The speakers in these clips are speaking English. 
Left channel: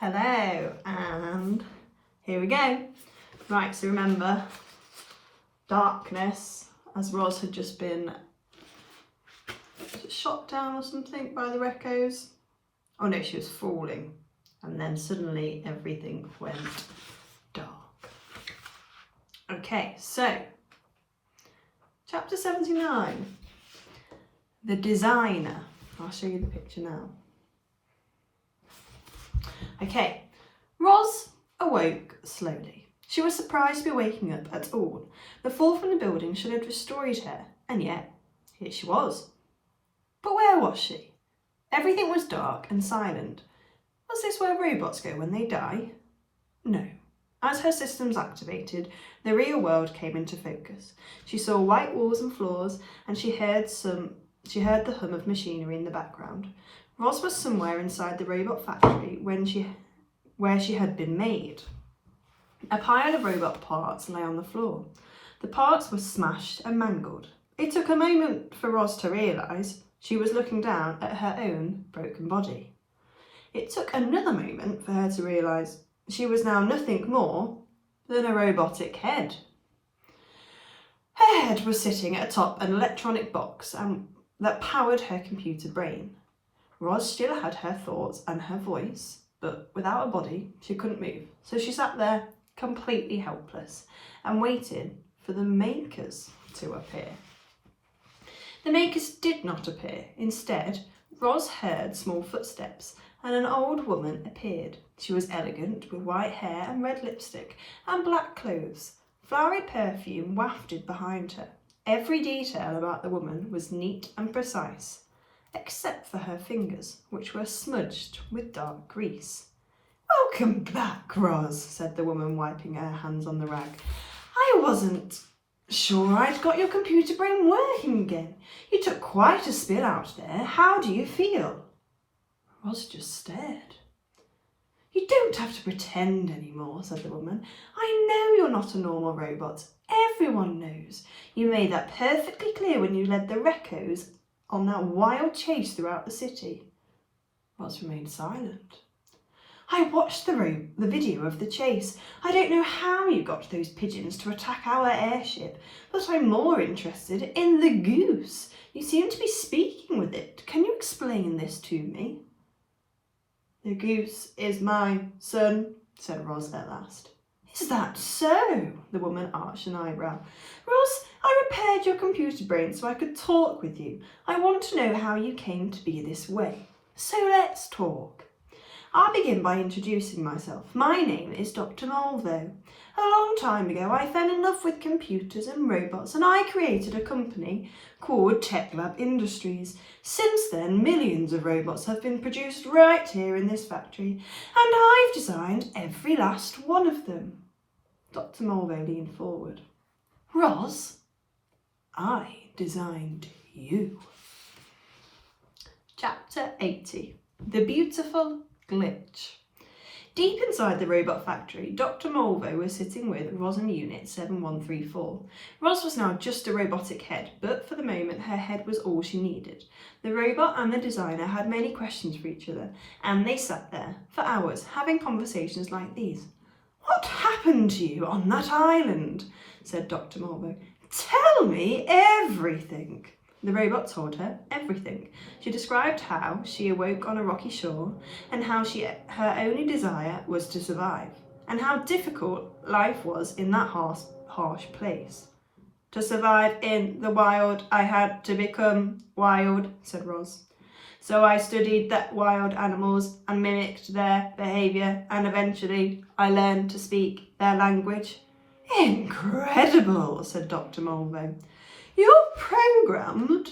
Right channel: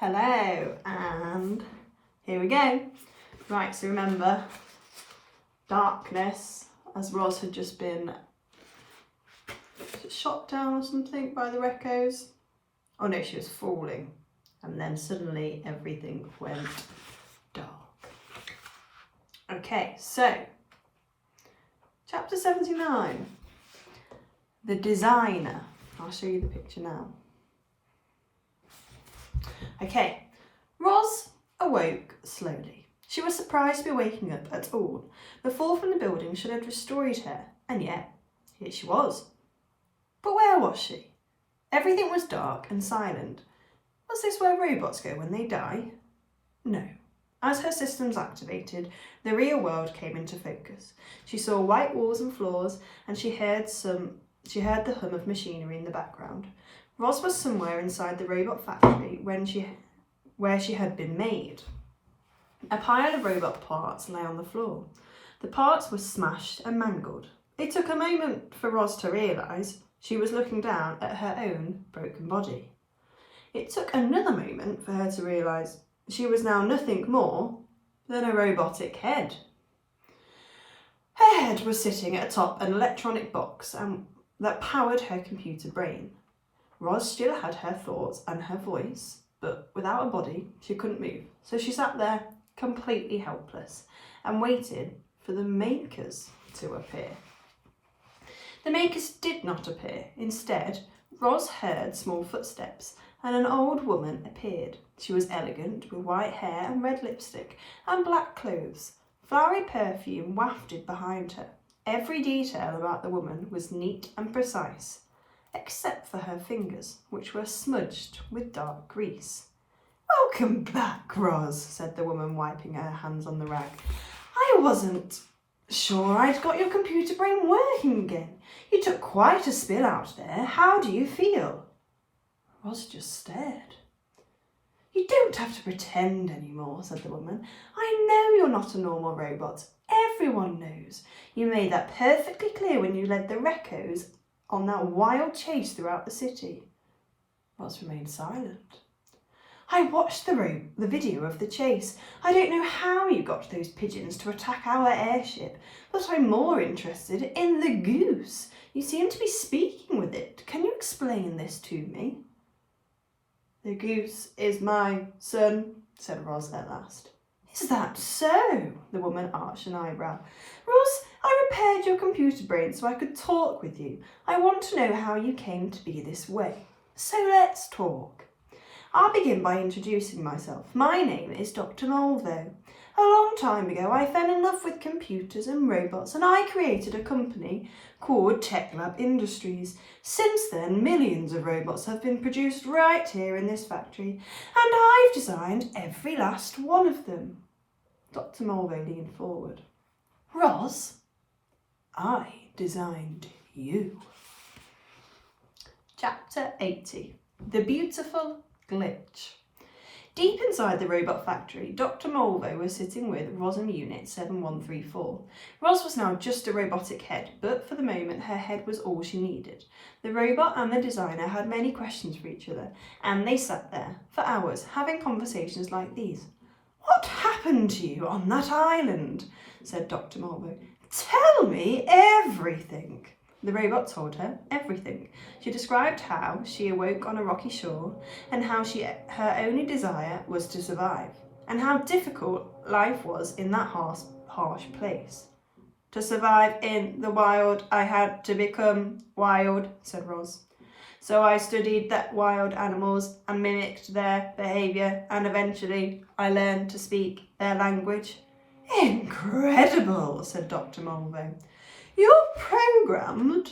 Hello, and here we go. Right, so remember, darkness, as Roz had just been shot down or something by the Recos. Oh no, she was falling, and then suddenly everything went dark. Okay, so chapter 79, the designer. I'll show you the picture now. Okay, Roz awoke slowly. She was surprised to be waking up at all. The fall from the building should have destroyed her, and yet here she was. But where was she? Everything was dark and silent. Was this where robots go when they die? No. As her systems activated, the real world came into focus. She saw white walls and floors, and she heard the hum of machinery in the background. Roz was somewhere inside the robot factory where she had been made. A pile of robot parts lay on the floor. The parts were smashed and mangled. It took a moment for Roz to realise she was looking down at her own broken body. It took another moment for her to realise she was now nothing more than a robotic head. Her head was sitting atop an electronic box that powered her computer brain. Roz still had her thoughts and her voice, but without a body, she couldn't move. So she sat there completely helpless and waited for the makers to appear. The makers did not appear. Instead, Roz heard small footsteps and an old woman appeared. She was elegant, with white hair and red lipstick and black clothes. Flowery perfume wafted behind her. Every detail about the woman was neat and precise, except for her fingers, which were smudged with dark grease. "Welcome back, Roz," said the woman, wiping her hands on the rag. "I wasn't sure I'd got your computer brain working again. You took quite a spill out there. How do you feel?" Roz just stared. "You don't have to pretend anymore," said the woman. "I know you're not a normal robot. Everyone knows. You made that perfectly clear when you led the Recos on that wild chase throughout the city." Roz remained silent. "I watched the video of the chase. I don't know how you got those pigeons to attack our airship, but I'm more interested in the goose. You seem to be speaking with it. Can you explain this to me?" "The goose is my son," said Roz at last. "Is that so?" The woman arched an eyebrow. "Roz, I repaired your computer brain so I could talk with you. I want to know how you came to be this way. So let's talk. I'll begin by introducing myself. My name is Dr. Malvo. A long time ago, I fell in love with computers and robots, and I created a company called TechLab Industries. Since then, millions of robots have been produced right here in this factory, and I've designed every last one of them." Dr. Malvo leaned forward. "Roz, I designed you." Chapter 80, the beautiful glitch. Deep inside the robot factory, Dr. Malvo was sitting with Roz in Unit 7134. Roz was now just a robotic head, but for the moment her head was all she needed. The robot and the designer had many questions for each other, and they sat there for hours having conversations like these. "What happened to you on that island?" said Dr. Malvo. "Tell me everything." The robot told her everything. She described how she awoke on a rocky shore, and how her only desire was to survive, and how difficult life was in that harsh place. "To survive in the wild, I had to become wild," said Roz. "So I studied the wild animals and mimicked their behaviour, and eventually I learned to speak their language." "Incredible," said Dr. Malvo. "You're programmed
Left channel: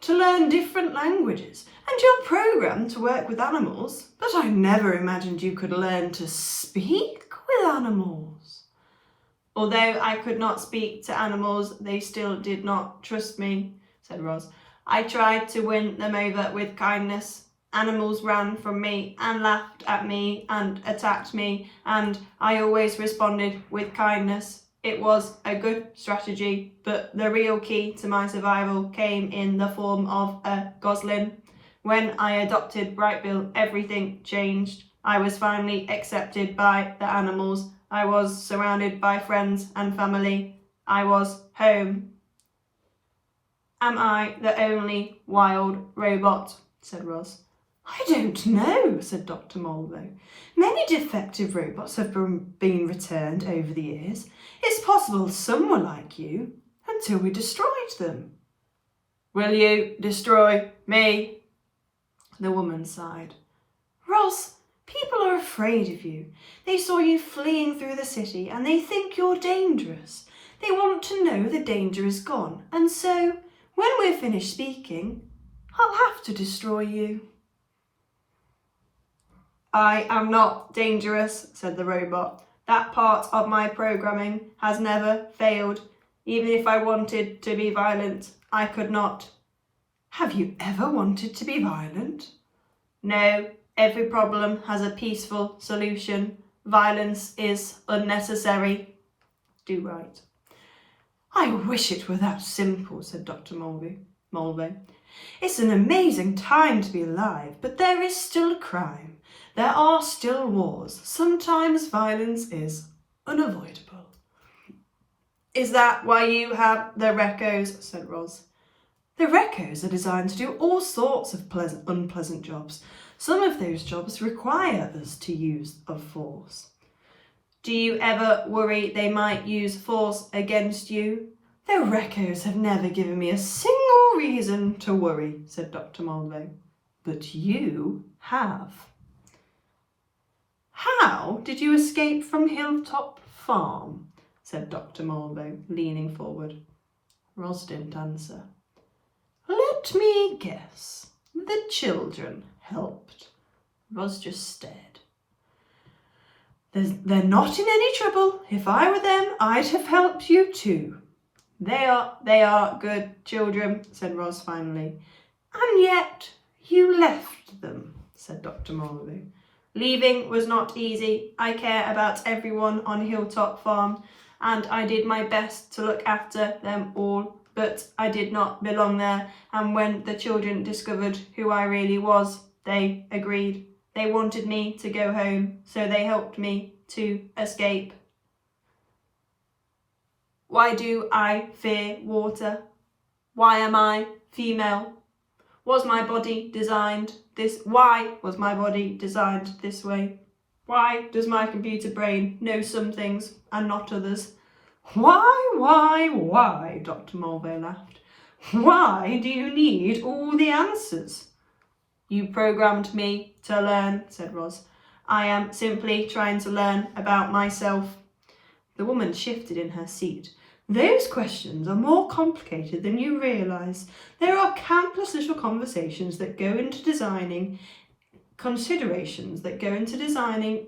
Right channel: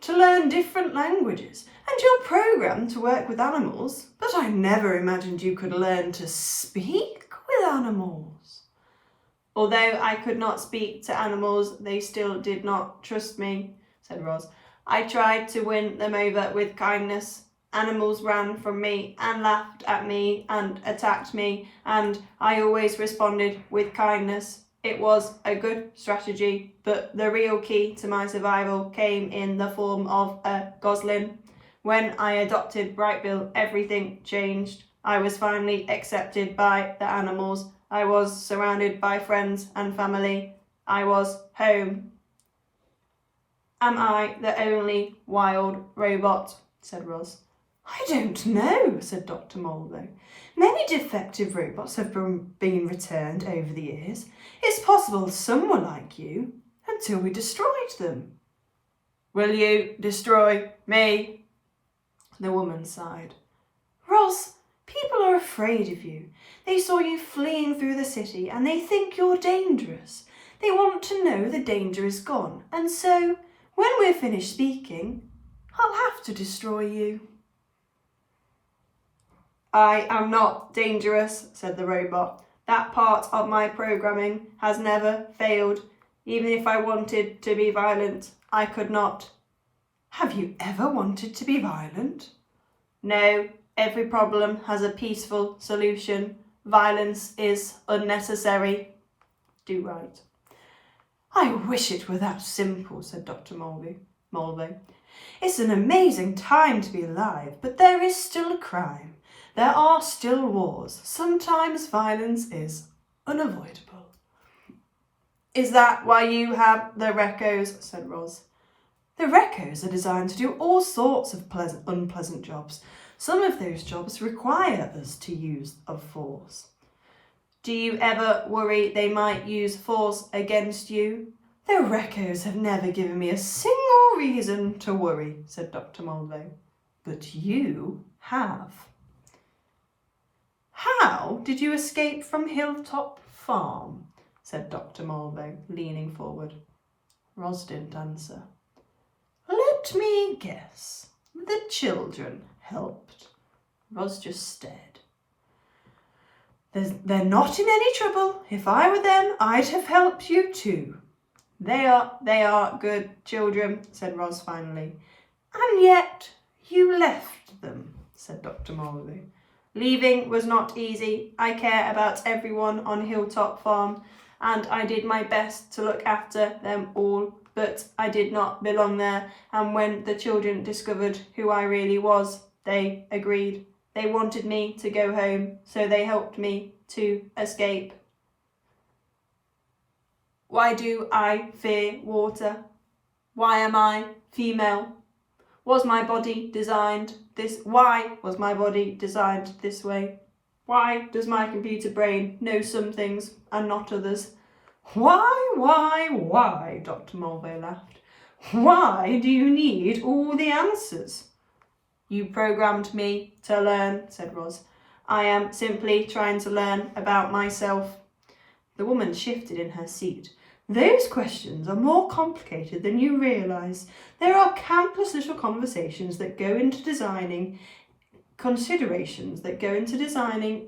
to learn different languages, and you're programmed to work with animals, but I never imagined you could learn to speak with animals." "Although I could not speak to animals, they still did not trust me," said Roz. "I tried to win them over with kindness. Animals ran from me and laughed at me and attacked me, and I always responded with kindness. It was a good strategy, but the real key to my survival came in the form of a goslin. When I adopted Brightbill, everything changed. I was finally accepted by the animals. I was surrounded by friends and family. I was home. Am I the only wild robot? Said Roz. I don't know, said Dr. Mulvey. Many defective robots have been returned over the years. It's possible some were like you until we destroyed them. Will you destroy me? The woman sighed. Roz, people are afraid of you. They saw you fleeing through the city and they think you're dangerous. They want to know the danger is gone, and so, when we're finished speaking, I'll have to destroy you. I am not dangerous, said the robot. That part of my programming has never failed. Even if I wanted to be violent, I could not. Have you ever wanted to be violent? No, every problem has a peaceful solution. Violence is unnecessary. Do right. I wish it were that simple, said Dr. Mulvey. It's an amazing time to be alive, but there is still crime. There are still wars. Sometimes violence is unavoidable. Is that why you have the Recos? Said Roz. The Recos are designed to do all sorts of unpleasant jobs. Some of those jobs require us to use of force. Do you ever worry they might use force against you? The Recos have never given me a single reason to worry, said Dr. Mulvey. But you have. How did you escape from Hilltop Farm? Said Dr. Mulvey, leaning forward. Roz didn't answer. Let me guess. The children helped. Roz just stared. They're not in any trouble. If I were them, I'd have helped you too. They are good children, said Roz finally. And yet you left them, said Dr. Mulvey. Leaving was not easy. I care about everyone on Hilltop Farm, and I did my best to look after them all, but I did not belong there, and when the children discovered who I really was, they agreed. They wanted me to go home, so they helped me to escape. Why do I fear water? Why am I female? Was my body designed this? Why was my body designed this way? Why does my computer brain know some things and not others? Why, Dr. Mulvey laughed. Why do you need all the answers? You programmed me to learn, said Roz. I am simply trying to learn about myself. The woman shifted in her seat. Those questions are more complicated than you realise. There are countless little considerations that go into designing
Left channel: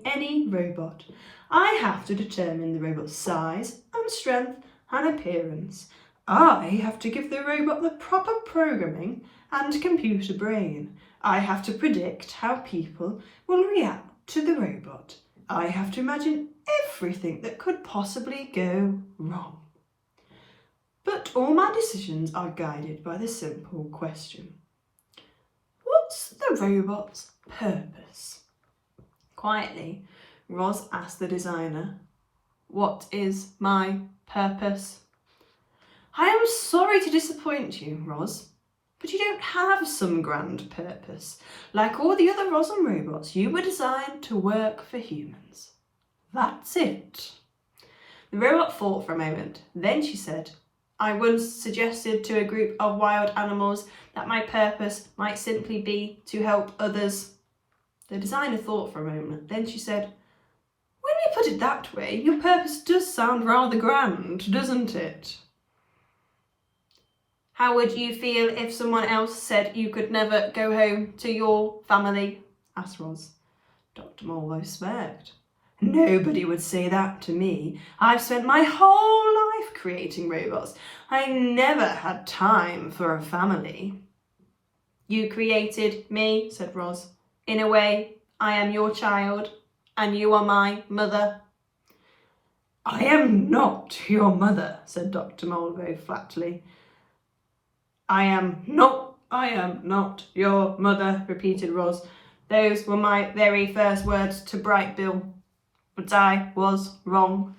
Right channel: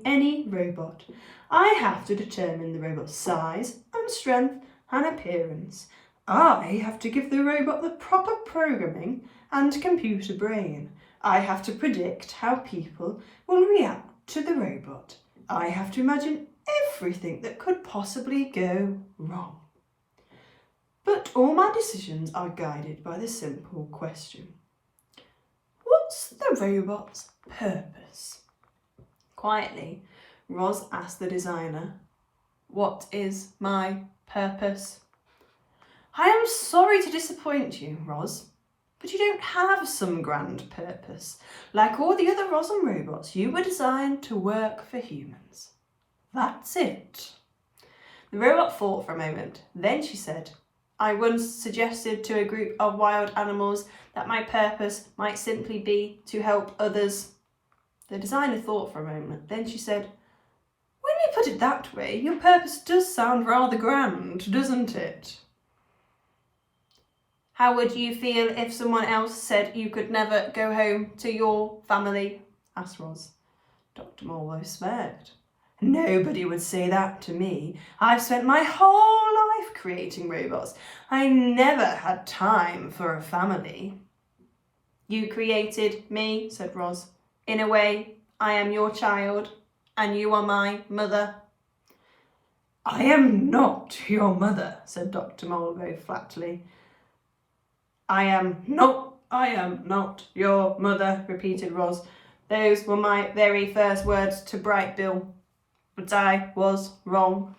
any robot. I have to determine the robot's size and strength and appearance. I have to give the robot the proper programming and computer brain. I have to predict how people will react to the robot. I have to imagine everything that could possibly go wrong. But all my decisions are guided by the simple question. What's the robot's purpose? Quietly, Roz asked the designer, what is my purpose? I am sorry to disappoint you, Roz, but you don't have some grand purpose. Like all the other Roslyn robots, you were designed to work for humans. That's it. The robot thought for a moment. Then she said, I once suggested to a group of wild animals that my purpose might simply be to help others. The designer thought for a moment. Then she said, when you put it that way, your purpose does sound rather grand, doesn't it? How would you feel if someone else said you could never go home to your family? Asked Roz. Dr. Mulvey smirked. Nobody would say that to me. I've spent my whole life creating robots. I never had time for a family. You created me, said Roz. In a way, I am your child, and you are my mother. I am not your mother, said Dr. Mulvey flatly. I am not your mother, repeated Roz. Those were my very first words to Bright Bill, but I was wrong.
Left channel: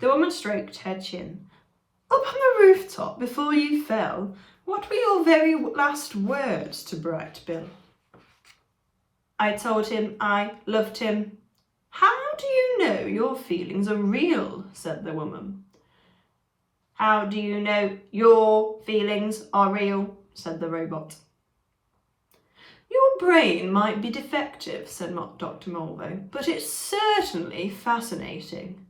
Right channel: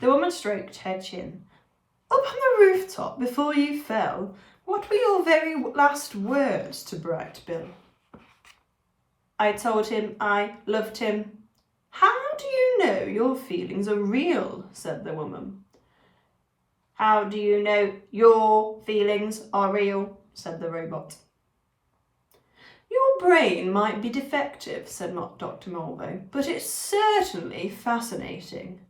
The woman stroked her chin. Up on the rooftop before you fell, what were your very last words to Bright Bill? I told him I loved him. How do you know your feelings are real? Said the woman. How do you know your feelings are real? Said the robot. Your brain might be defective, said Dr. Mulvey, but it's certainly fascinating.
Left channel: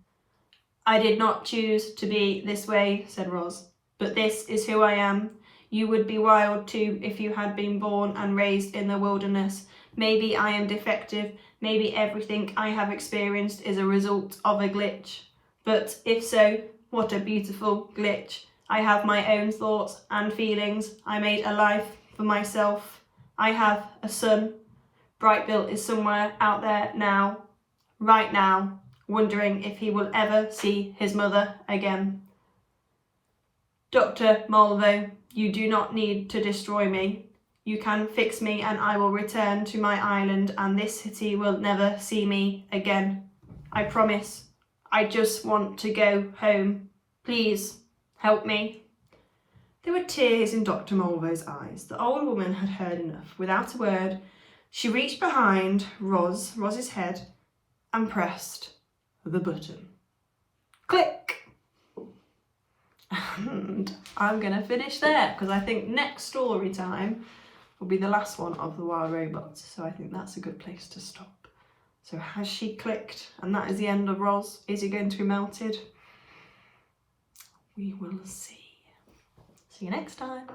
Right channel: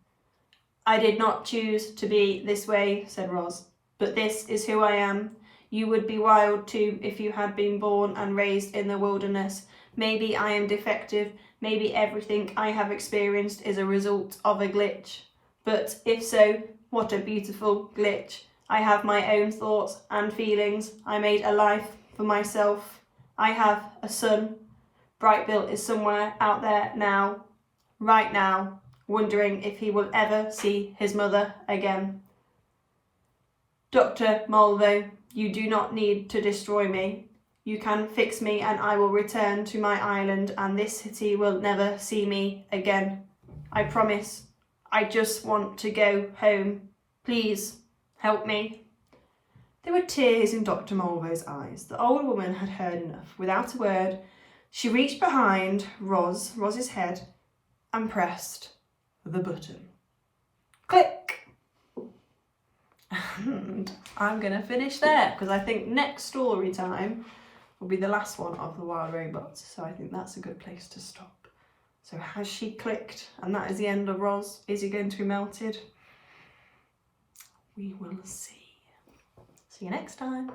I did not choose to be this way, said Roz, but this is who I am. You would be wild too if you had been born and raised in the wilderness. Maybe I am defective, maybe everything I have experienced is a result of a glitch. But if so, what a beautiful glitch. I have my own thoughts and feelings. I made a life for myself. I have a son. Bright Bill is somewhere out there now, right now, wondering if he will ever see his mother again. Dr. Mulvey, you do not need to destroy me. You can fix me and I will return to my island and this city will never see me again. I promise. I just want to go home. Please, help me. There were tears in Dr. Mulvey's eyes. The old woman had heard enough. Without a word, she reached behind Roz's head and pressed the button. Click! And I'm going to finish there because I think next story time will be the last one of the Wild Robots. So I think that's a good place to stop. So has she clicked? And that is the end of Roz. Is he going to be melted? We will see. See you next time.